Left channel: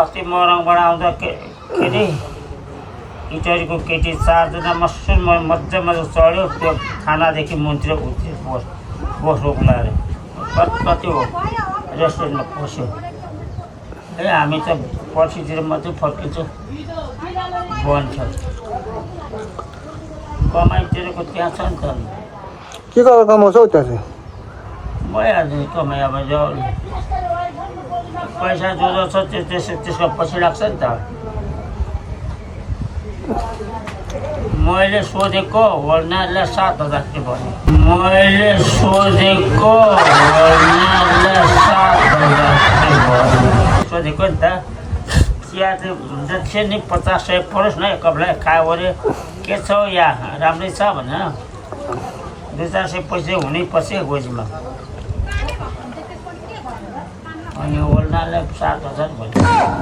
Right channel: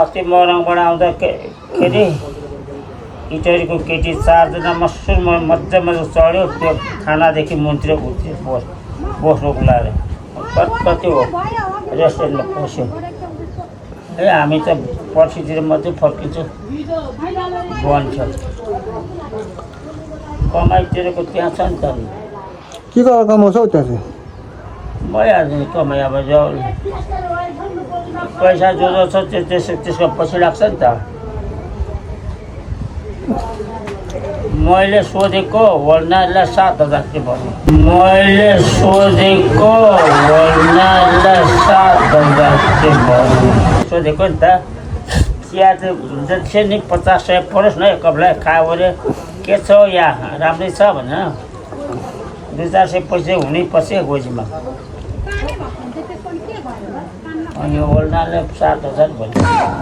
अस्ति मोरङबाट आउँदाखेरि इटरीको केटी 4 जना मसुरमा मजा चढ्यो त्यो थानादेखि मन्त्री उत्रियो बोसोको लाएर कति हो रेस्टुरेन्टमा पस्यो हामी त पर्सितिर मात्रै फर्किन्छौँ बन्छ कमाइतिरको त्यहाँ छ नि त के गरेर कमाउँछौ त चाहिँ भइहाल्छ नि कमाइ अब जो पैसा जो छ त्यसको पछि लाग्छ नि त मैले सोधेको होलनारलाई 7,000 चाहिँ भन्यो मैले सोधेको होलनारलाई 7,000 चाहिँ भन्यो सोधेको नि त चिया चाहिँ जति नि 50-100 परोस् न कपलाई खायो भने के छ यहाँ राम्रै छ भने 200-400 पैसा हुनै पछि गोजीमा अनि होलनारलाई 7,000 भन्यो